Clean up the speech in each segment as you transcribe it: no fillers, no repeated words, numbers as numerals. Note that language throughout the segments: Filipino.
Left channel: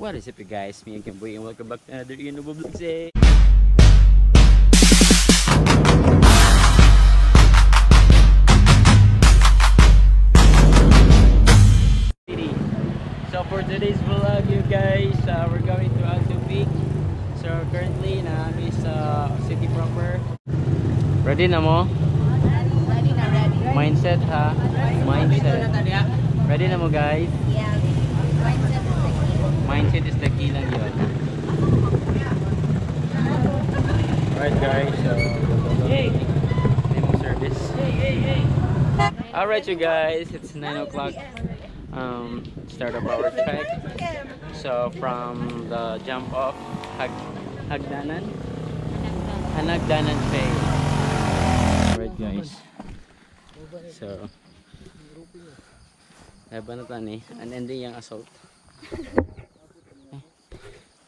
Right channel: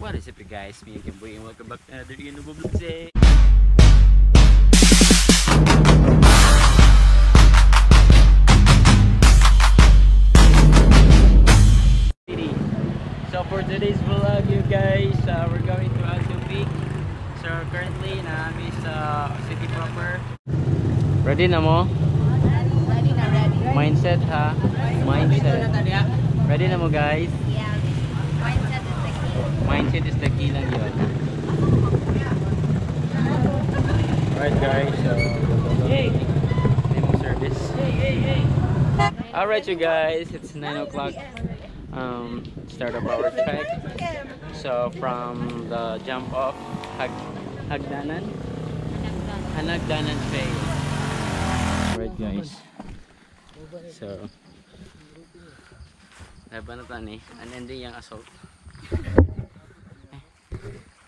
What is up, you guys? Me again, boy, and welcome back to another Inubo Vlogs. So for today's vlog, you guys, we're going to Alto Peak. So currently, namin sa city proper. Ready na mo? Ready na, ready. Mindset ha? Mindset. Ready na mo, guys? Yeah. Mindset is the key. Mindset is the key lang yun. Alright guys, so service. Alright you guys, it's 9 o'clock. Start of our trek. So from the jump off Hanagdanan Trail. Alright guys. So laban na tani, unending yung assault.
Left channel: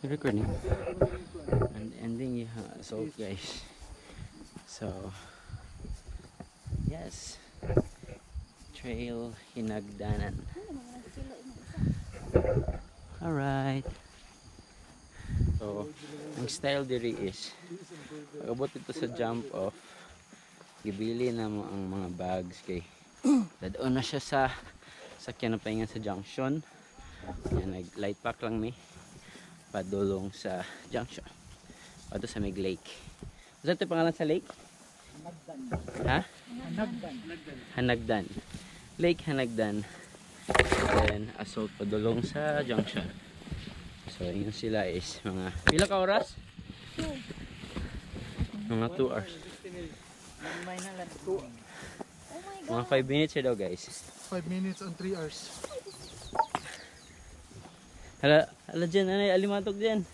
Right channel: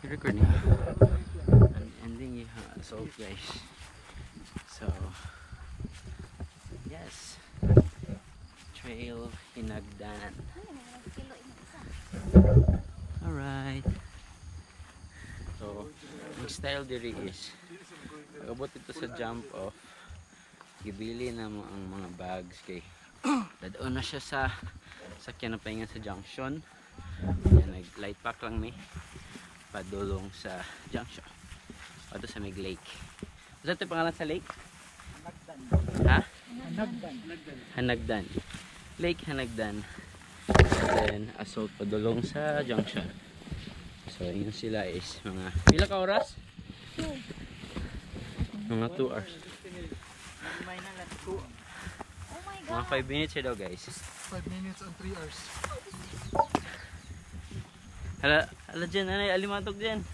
Record niya. Unending yung assault guys. So yes, Trail Hanagdanan. Alright. So ang style diri is pag-abot ito sa jump off, ibili na mo ang mga bags kay dadaan na siya sa sakyan na pahinga sa junction. Yan, nag light pack lang mi padulong sa junction pato sa Mig Lake. Ano ito pangalan sa lake? Hanagdan. Ha? Hanagdan. Hanagdan. Lake Hanagdan. Then assault padulong sa junction. So yun sila is mga pila ka oras? Mga 2 hours. Mga 5 minutes daw guys. 5 minutes and 3 hours. Hala dyan, anay, alimatok dyan.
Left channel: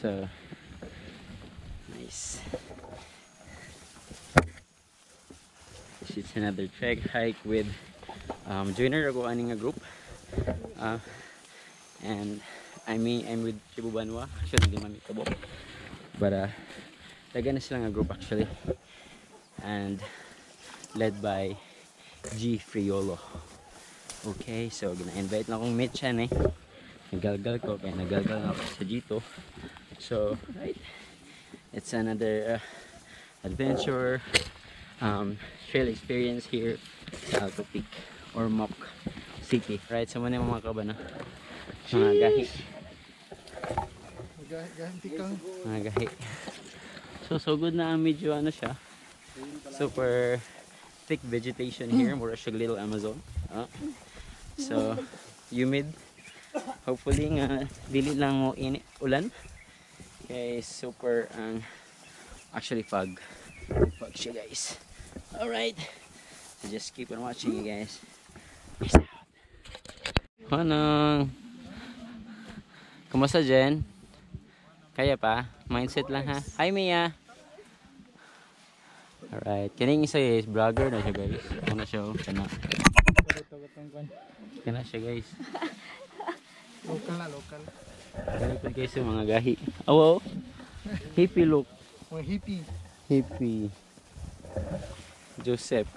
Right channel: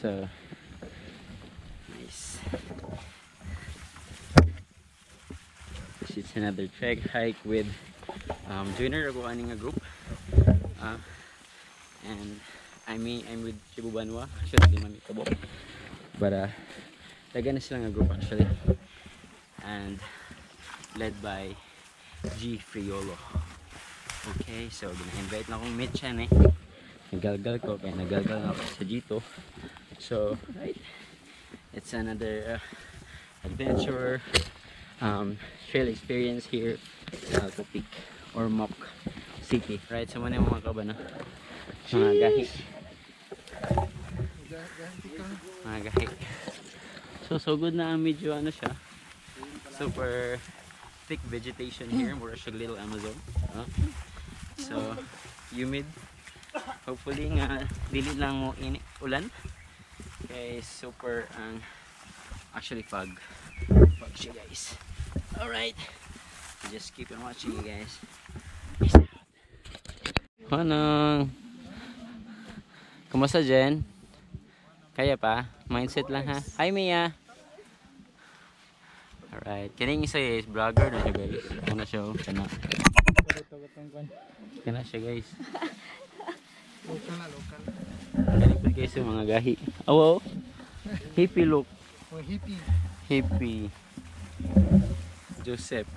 So nice. This is another trek hike with joiner ako aning nga group. And I'm with Cebu Banwa. Actually di mami tabo. But taga na sila nga group actually. And led by G Friolo. Okay, so gina-invite na akong meet siya eh. Nagalgal ko, kaya nagalgal na ako sa Gito. So, right, it's another adventure trail experience here sa Alto Peak or Mock City. Right, so muna yung mga kabana. Mga gahi. Mga gahi. So good na medyo ano siya. Super thick vegetation here. Mura siya little Amazon. So humid. Hopefully nga dili lang mo ulan. Okay, super actually fog siya guys. Alright, just keep on watching you guys. Peace out. Manong, kumusta Jen? Kaya pa? Mindset lang ha. Hi Mia. Alright, kining isa is vlogger na siya guys. Ako na siya, kana siya guys. Local na, local. Galing po guys yung mga gahi. Oh, hippie look. Oh, hippie. Hippie. Joseph.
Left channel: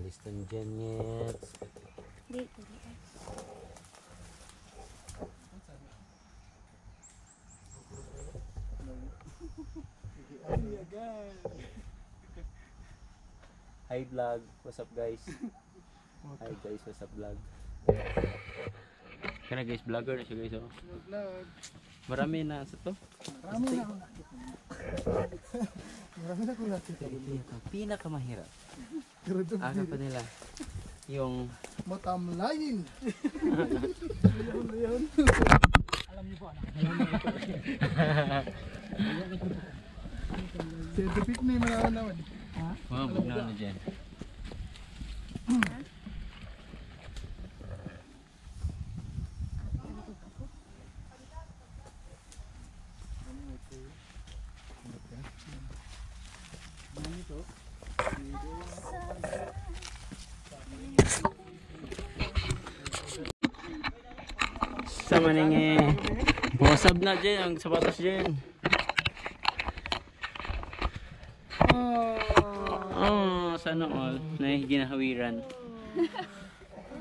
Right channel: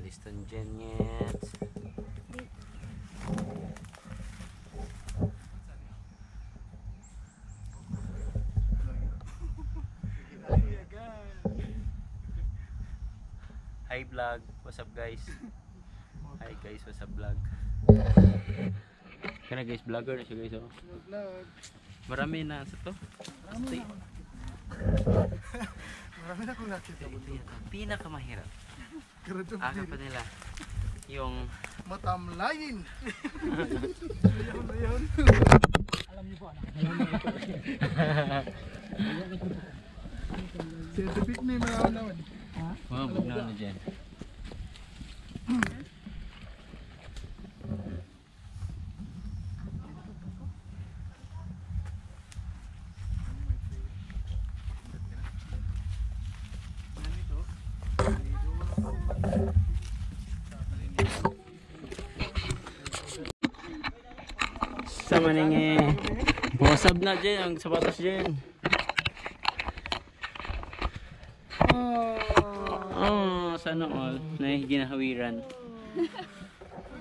Liston Jenyet. Hi vlog, what's up guys? Hi guys, what's up vlog? Kana guys, vlogger na siya guys oh. Vlog. Marami na sa to. Marami na ako nakita. Marami na kong nakita. Ito yata pinakamahirap. Grabe Aga pa nila. Yung matamlayin. Scientific name naman. wow, bugnaw na dyan. Sama ning wasab na dyan ang sapatos dyan. Oh, sana all na ginahawiran.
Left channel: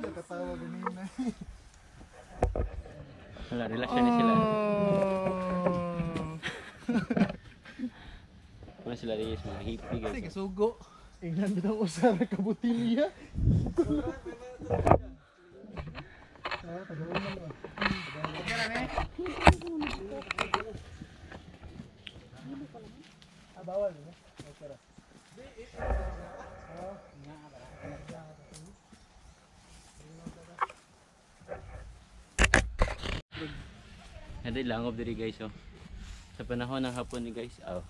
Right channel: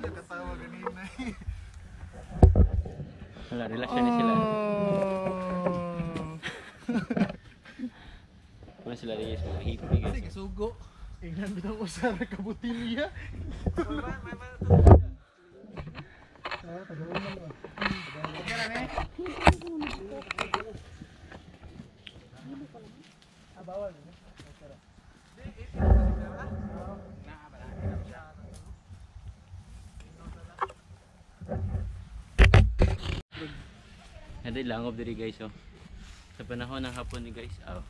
Nakatawa ganina. Wala, relasyon na sila. Mga sila guys, mga hippie guys. Sige, sugo. Ingnan bitang usara ka butilya. Hindi langob diri guys oh. Sa panahon ng hapon ni guys. Oh.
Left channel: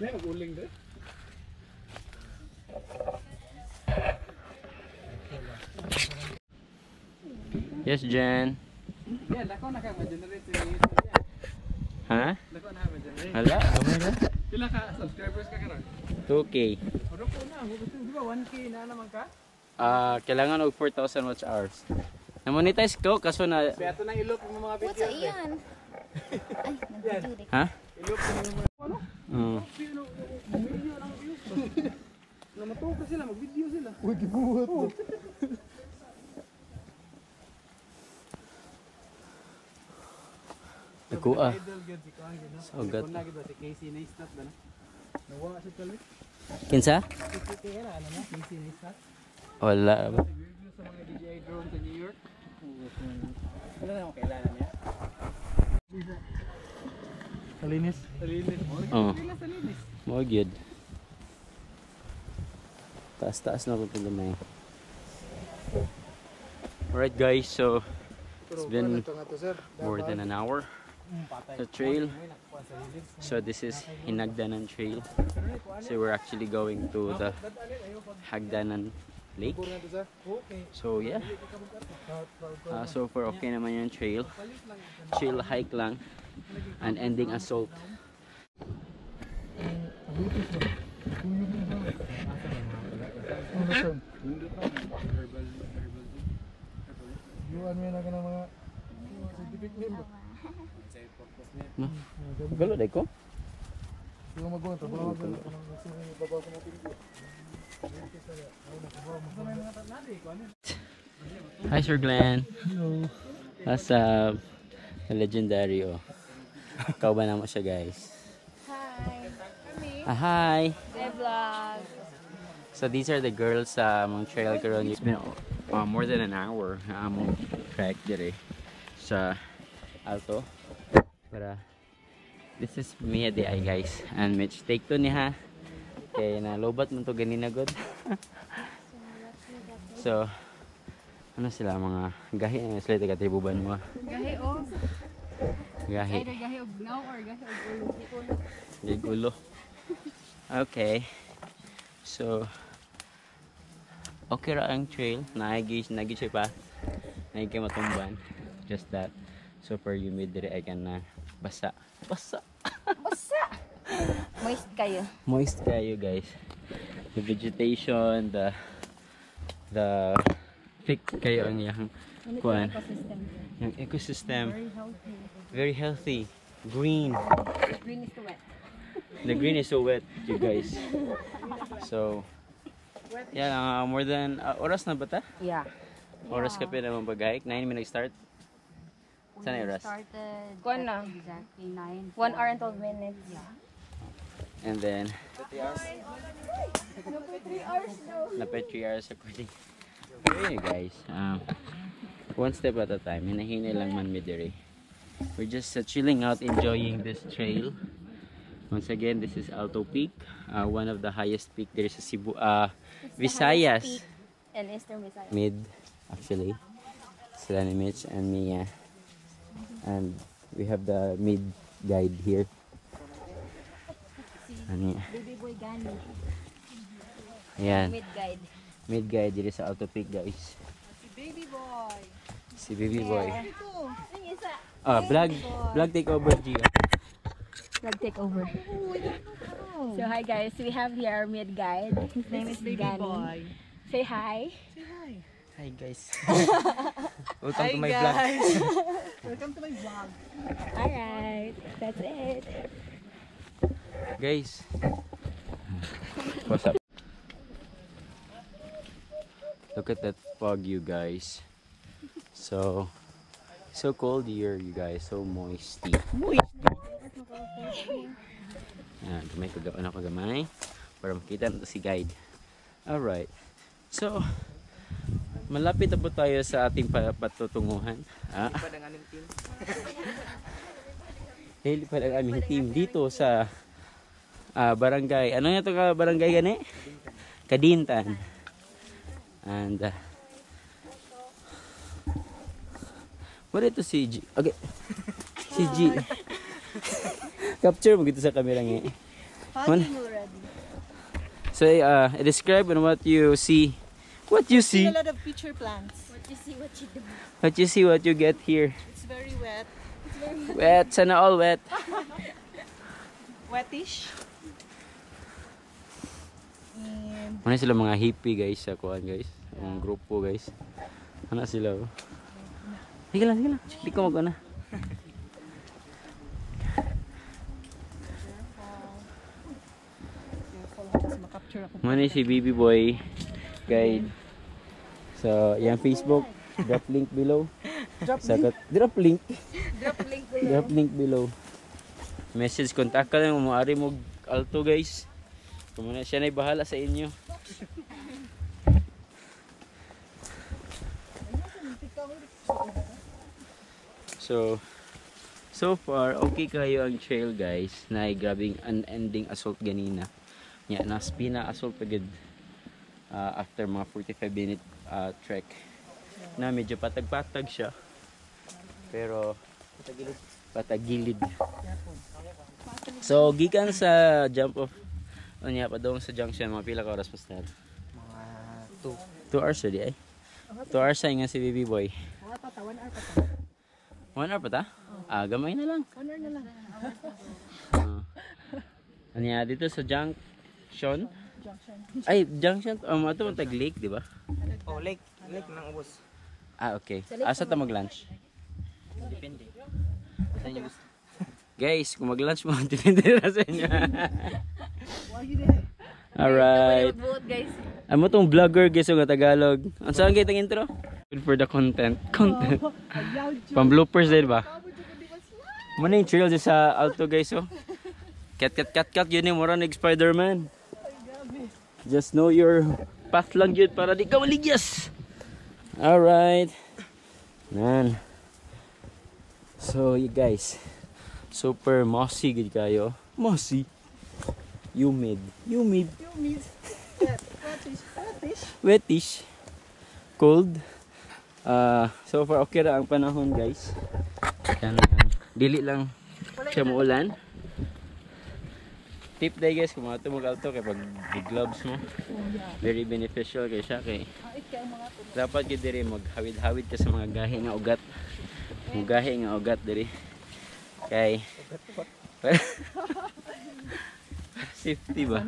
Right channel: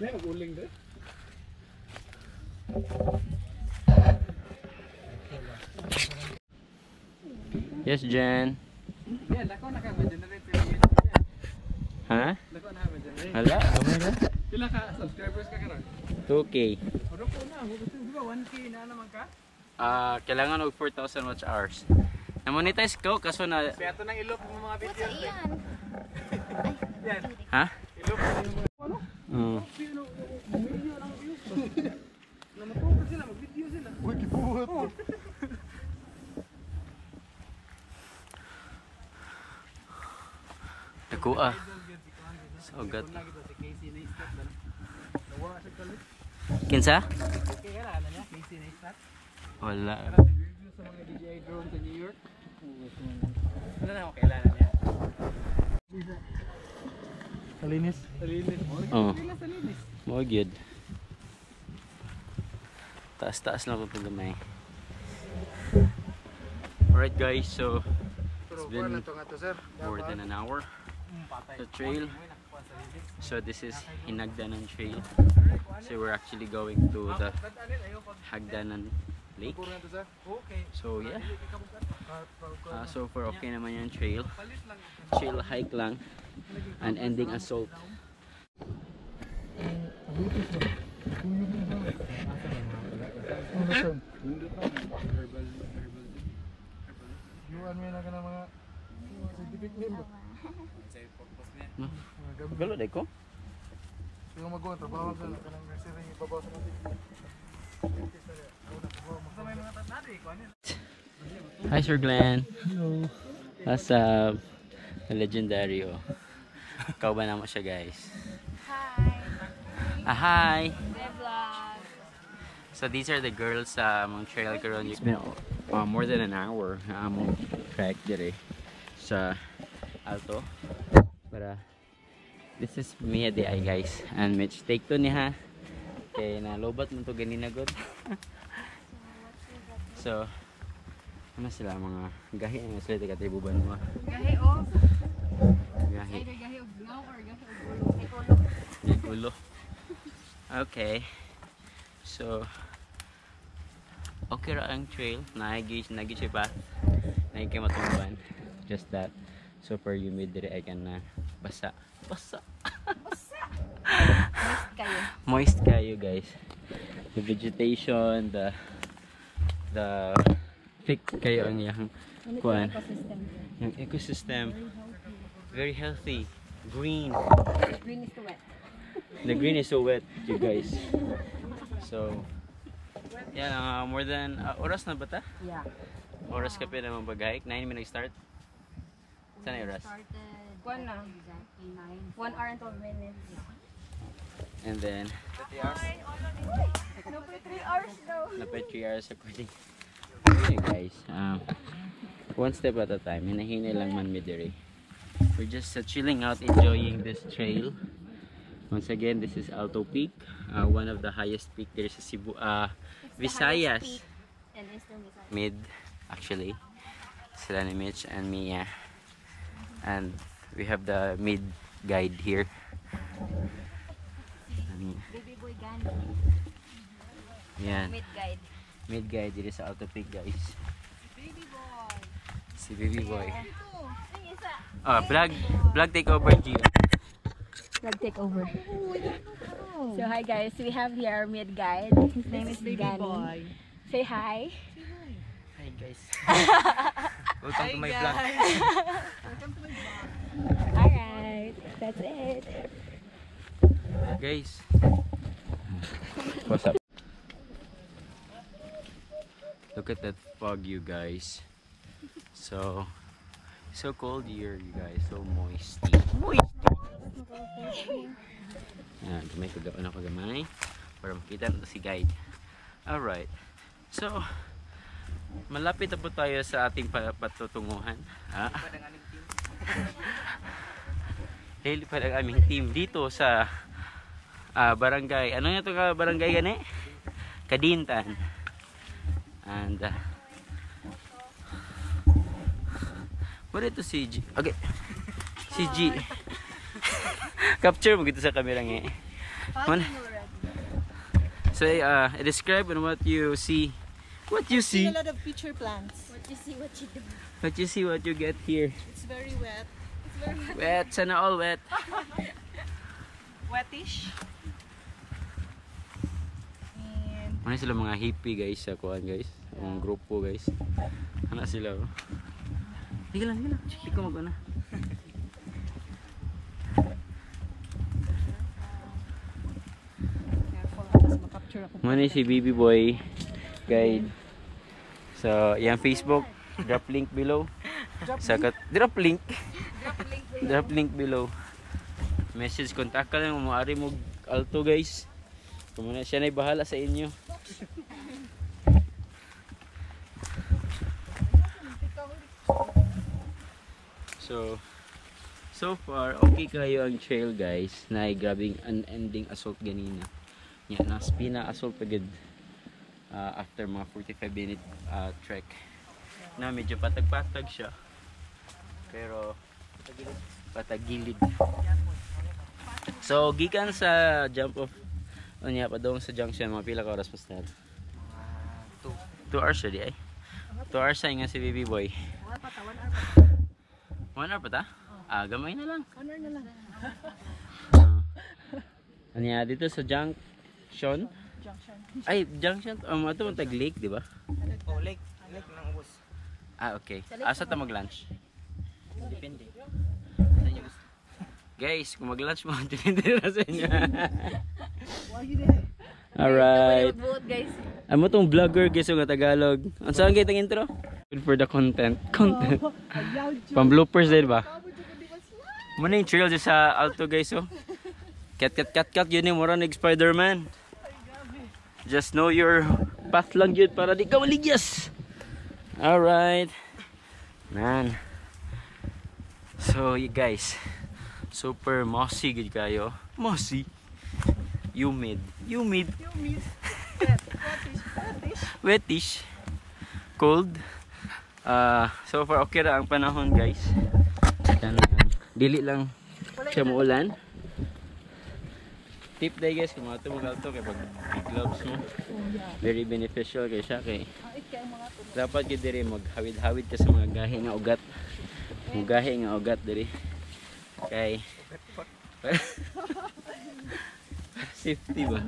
May uling din. Yes, Jen. Yeah, dako na ka ma-generate sa YouTube yan. Ha? Dako na ma-generate. Hala, gamay na. Pila ka subscribers ka karon? 2K. Oro ko na, di ba 1K na naman ka? Kailangan og 4,000 watch hours. Na-monetize ko kaso na Kaya ito nang ilop mo mga What's videos. iyan? Ay, nag-video. ha? Ilop mo yung mga ano? Oo. Video lang views. Namatuka sila, mag-video sila. Uy, gibuhat mo. Dako ah. Idol gyud si Kuan gyud. Sogat. Kuna gyud si Casey Neistat ba na? Nawa sa kalit. Kinsa? Kaya na ano niya, Casey Neistat. Wala. Review sa mga DJI drone sa New York. Wala na ako kailangan niya. Salinis. Salinis. Oo. Salinis. Mo gyud. Taas-taas lang ko gamay. Alright guys, so it's been more than an hour the trail. So this is Hinagdanan Trail. So we're actually going to the Hagdanan Lake. So yeah, so far okay naman yung trail. Chill hike lang and ending assault. Yuan mo na ka ng mga scientific name ba? Galo day ko? Yung magawa, trabaho ka ng siri, babaw sa mga tinggi. Hi Sir Glenn. Hello. What's up? Legendary oh. Ikaw ba naman siya guys? Hi. Hi! Day vlog. So these are the girls sa among trail karon. It's been more than an hour among trek dire sa Alto. But this is Mia di ay guys. And Mitch take to niya. Kay nalobat mo to ganina god. So ano sila mga gahi na sila taga Tribuban mo. Gahi o. Gahi. Either gahi o gnaw or gahi o gulo. Titulo. Gulo. Okay. So okay ra ang trail, nagi siya path, nagi kay matumban, just that super humid dire ay kana basa Basta. Moist kayo. moist kayo guys, the vegetation, the thick kayo ang yang kuan, Ecosystem. yung ecosystem Very healthy. very healthy, green, Green is too wet. the green is so wet you guys. So yeah, more than oras na ba ta? Yeah. Oras ka pa naman pag-hike? 9 minutes start? Saan yung oras? Started Kuan na. exactly 9. 1 hour and 12 minutes. And then, No, 3 hours daw. napay 3 hours according Okay guys, one step at a time. Hinahinay lang man mi diri. We're just chilling out, enjoying this trail. Once again, this is Alto Peak, one of the highest peak there sa Cebu, Visayas. And Eastern Visayas. Mid, actually. Sila ni Mitch and Mia. And we have the mid guide here. Ano yan? Baby boy Gani. Yan. Mid guide. Mid guide dito sa Alto Peak guys. Baby boy. Si Baby Boy. Ito. Yung isa. Vlog take over Gio. Vlog take over. So hi guys, we have here our mid guide. His name is Baby Boy. Say hi. Hi guys. Welcome to my vlog. Welcome to my vlog. Alright, that's it. Guys. What's up? Look at that fog, you guys. So cold here, you guys. So moisty. Yan, kagamay para makita natin si guide. Alright. So, malapit na po tayo sa ating patutunguhan. Lilipad ang aming team dito sa barangay. Ano nga ito ka barangay gani? Kadintan. And what ito si G? Okay. Si G. Capture mo gito sa camera nga. So, describe on what you see. What you see? A lot of future plants. What you see, what you do. What you see, what you get here. It's very wet. Wet, sana all wet. Wettish. And Ano sila mga hippie guys sa kuan guys. Ang grupo guys. Ano sila? Oh. Sige lang, sige lang. Hindi ko mag-una. careful habas makapture ako. Muna si Baby Boy guide. So, yung Facebook, drop link below. Drop link below. Message, contact ka lang, maaari mo Alto guys. Kumuna siya na'y bahala sa inyo. So far, okay kayo ang trail guys. Na grabing unending assault ganina. Nya, nas pina-assault agad. After mga 45-minute trek. Na medyo patag-patag siya. Pero patagilid. So gikan sa jump off unya pa dong sa junction mga pila ka oras pastor? Mga 2 hours ready ay. 2 hours sa nga si Baby Boy. 1 hour pa ta. 1 hour pa ta? Gamay na lang. 1 hour na lang. Anya dito sa junction. Ay, junction. Ito mo tag lake, di ba? Oh, lake ng ubos. Okay. Asa ta mag-lunch? Depende. Guys, kung mag-lunch mo, depende na sa inyo. Alright. Alright. Vote guys. Amo tong vlogger guys nga Tagalog. Ang saan kitang intro? Good for the content. Pang bloopers din ba? Muna yung trail dyan sa Alto guys oh. Kat yun yung mura nag Spider-Man. Just know your path lang yun para di ka maligyas. Alright. Nan. So you guys, super mossy gid kayo. Mossy. Humid. Wetish. Cold. So far okay ra ang panahon guys. Dili lang siya muulan. Tip day guys, kung mga mag-alto kay pag gloves mo, very beneficial kay siya kay dapat gid diri maghawid-hawid ka sa mga gahi nga ugat. Mga gahi nga ugat diri. Kay safety ba?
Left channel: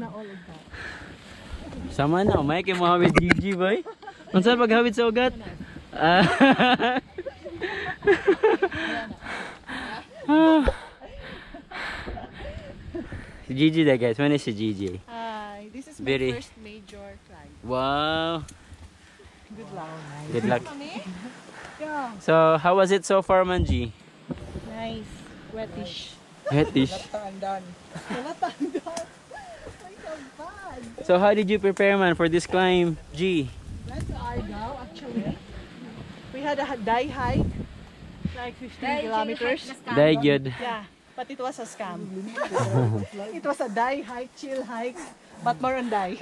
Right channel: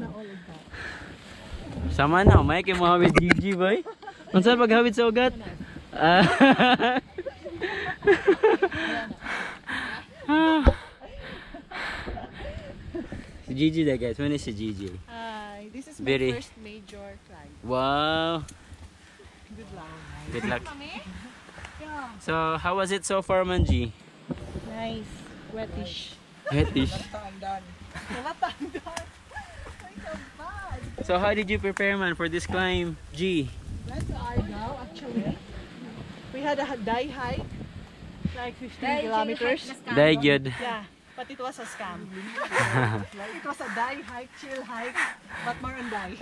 Sama na, umay kay mahawid GG boy. Unsa paghawid sa ugat? Si Gigi there guys, when is si Gigi? This is my Very- first major climb. Wow! Good luck. Good luck. Yeah. So, how was it so far, Manji? Nice. Wettish. Hetish. Taandan. Nalatandaan. Ay, so bad. So, how did you prepare man for this climb, G? That's Argao. actually. We had a day hike, like 15 kilometers. Dahil good. Yeah, but it was a scam. It was a day hike, chill hike, but more on day.